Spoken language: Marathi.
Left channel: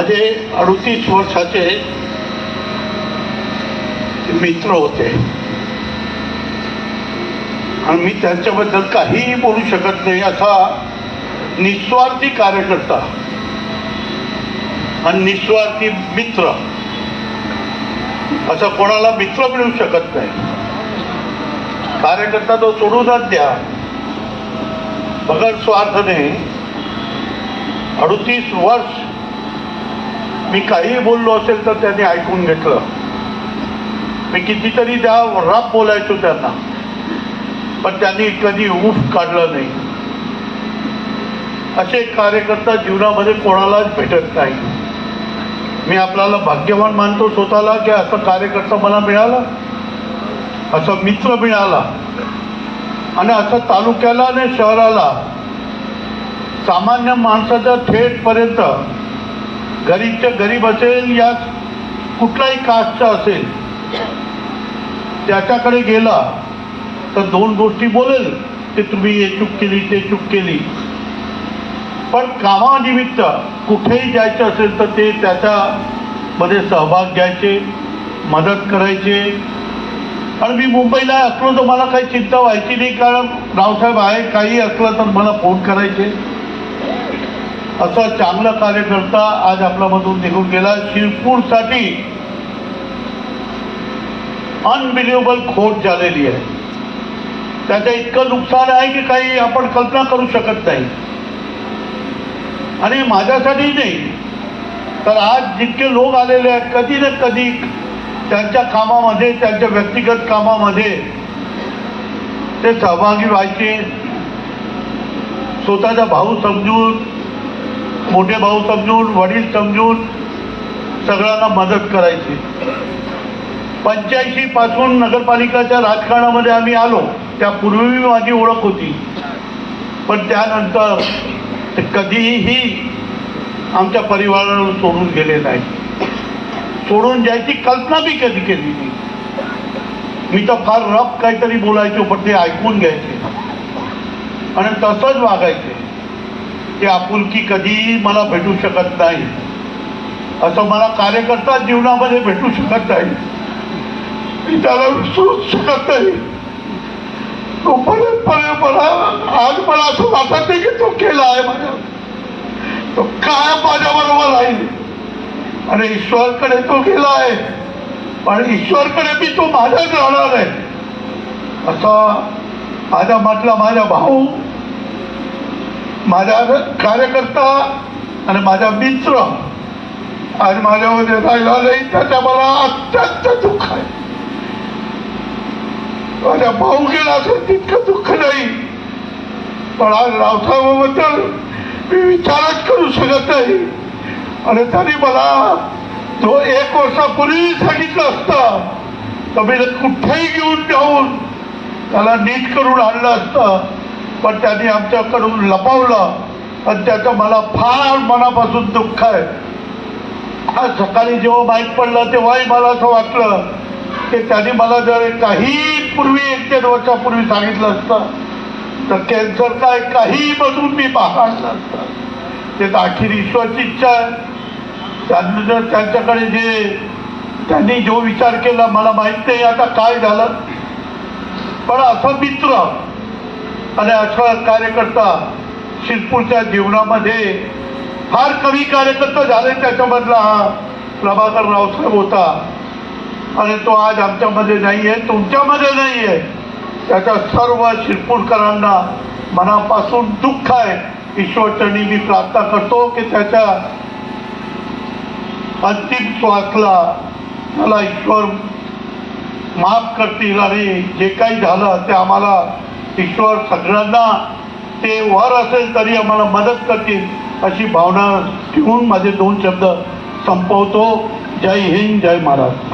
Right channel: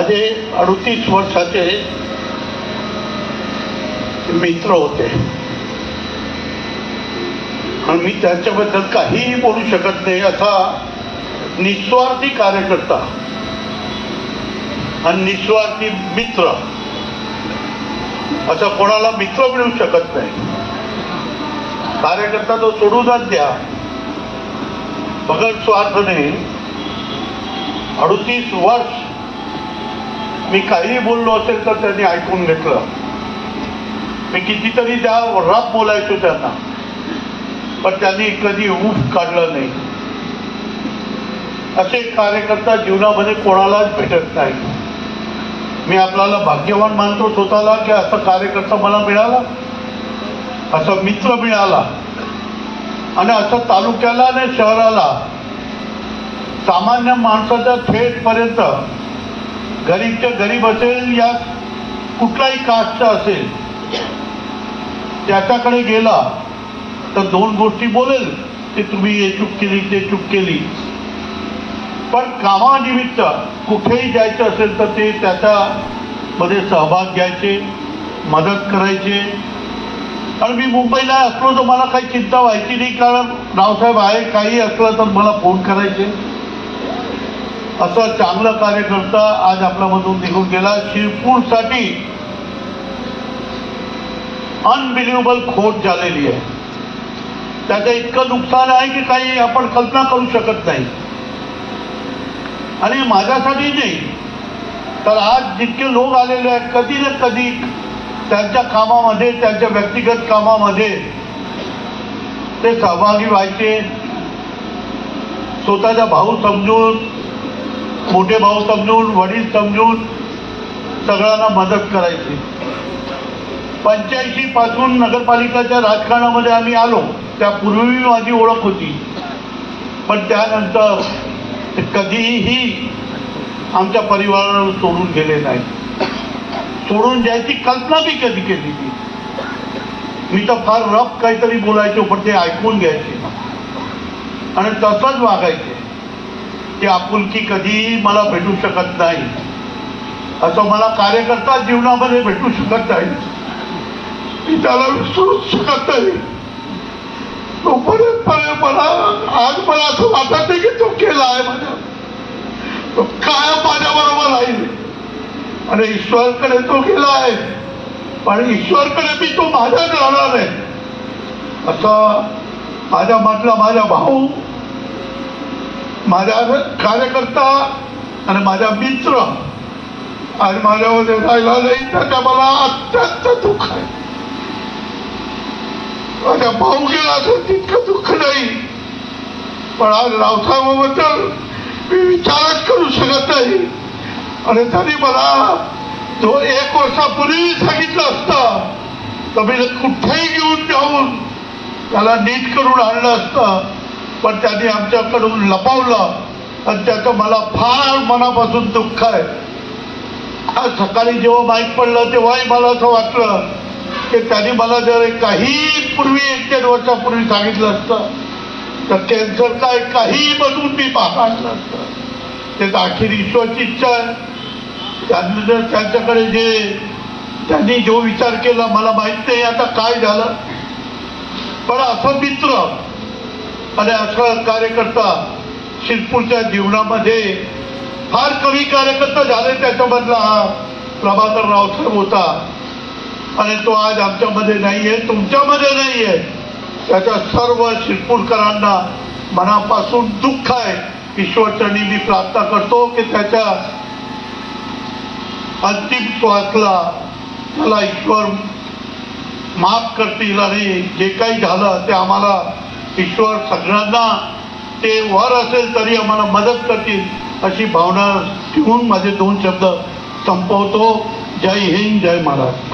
माझे अडुतीस वर्षाचे मित्र होते. आणि मी त्यांच्याबद्दल काहीही बोलू शकत नाही. असा निस्वार्थी कार्यकर्ता आणि निस्वार्थी मित्र. असा कोणाला मित्र मिळू शकत नाही. कार्यकर्ता तो सोडूनच द्या. बगड स्वार्थने अडुतीस वर्ष मी काहीही बोललो असेल तर त्यांनी ऐकून घेतलं. मी कितीतरी त्या राब बोलायचो त्यांना. पण त्यांनी कधी ऊफ काढलं नाही. असे कार्यकर्ता जीवनामध्ये कोणालाच भेटत नाही. मी आपल्याला भाग्यवान मानतो स्वतःला की असं कार्यकर्ता मला मिळाला असं मित्र मिळाला आणि असं तालुक्याला आणि शहराला सामान्य माणसाच्या थेटपर्यंत गरीबच्या गरीब असेल या कुठलाही कास्टचा असेल त्याच्याकडे गेला तर दोन गोष्टी बोलेल की तुम्ही हे चूक केली ते चूक केली. पण कामानिमित्त कुठेही जायचं असेल तर ते त्याच्यामध्ये सहभाग घ्यायचे मदत करायचे. आणि मी मुंबईला असलो तर मला काही चिंता व्हायची नाही कारण रावसाहेब आहे काही असलं तर मला फोन करायचे. असा चांगला कार्यकर्ता आज आपल्यामधून निघून गेला. शिरपूरसाठी अनबिलिव्हेबल खोट झालेली आहे. त्याचं इतकं नुकसान आहे की काही आपण कल्पना करू शकत नाही. आणि माझ्यासाठी नाही तर आज जितके लोक आलेले आहेत कधी ना कधी त्यांच्या कामामध्ये त्यांच्या व्यक्तिगत कामामध्ये ते सहभागी व्हायचे. स्वतःचा भाऊ समजून मोठे भाऊ समजून वडील समजून सगळ्यांना मदत करायची. पंच्याऐंशी पासून नगरपालिकाच्या राजकारणामध्ये आम्ही आलो त्यापूर्वी माझी ओळख होती. पण त्यानंतर ते कधीही आमच्या परिवाराला सोडून गेले नाही. सोडून जायची कल्पना बी कधी केली नाही. मी तर फार रफ काहीतरी बोलायचो पण ते ऐकून घ्यायचे. आणि तसंच वागायचे. ती आपुलकी कधीही मला भेटू शकत नाही. असं मला कार्यकर्ता जीवनामध्ये भेटू शकत नाही. मी त्याला विसरू शकत नाही. तो परत परत मला आज मला असं वाटत नाही की तो केला आहे माझ्या. तो काय माझ्या बरोबर आहे आणि ईश्वरकडे तो गेला आहे. पण ईश्वरकडे मी तो माझ्याच राहणार आहे. असं माझ्या म्हटलं माझ्या भाऊ माझा कार्यकर्ता आणि माझा मित्र आणि माझ्यामध्ये राहिला त्याचा मला अत्यंत दुःख आहे. माझ्या भाऊ गेला असेल तितकं दुःख नाही. पण आज रावसाहेबाबद्दल मी विचारच करू शकत नाही. आणि त्यांनी मला जो एक वर्षापूर्वी सांगितलं असतं तर मी कुठेही घेऊन जाऊन त्याला नीट करून आणलं असतं. पण त्यांनी आमच्याकडून लपवलं. आणि त्याचं मला फार मनापासून दुःख आहे. आज सकाळी जेव्हा माहीत पडलं तेव्हाही मला असं वाटलं की त्यांनी मला जर काही पूर्वी एक दीड वर्षापूर्वी सांगितलं असतं तर कॅन्सर काय काही बसून मी पाहणार ते अखेर ईश्वरची इच्छा त्यांनी जर त्यांच्याकडे जे त्यांनी जो विचार केला मला माहीत नाही आता काय झालं. पण असं मित्र आणि असं कार्यकर्ता शिरपूरच्या जीवनामध्ये फार कमी कार्यकर्ता झाले त्याच्यामधला हा प्रभाकर रावसाहेब होता. आणि तो आज आमच्यामध्ये नाहीये तुमच्यामध्ये नाहीये. त्याच्या सर्व शिरपूरकरांना मनापासून दुःख आहे. ईश्वरचरणी मी प्रार्थना करतो की त्याच्या अंतिम श्वासला त्याला ईश्वर माफ करतील आणि जे काही झालं ते आम्हाला ईश्वर सगळ्यांना ते वर असेल तरी आम्हाला मदत करतील अशी भावना ठेवून माझे दोन शब्द संपवतो. जय हिंद जय महाराज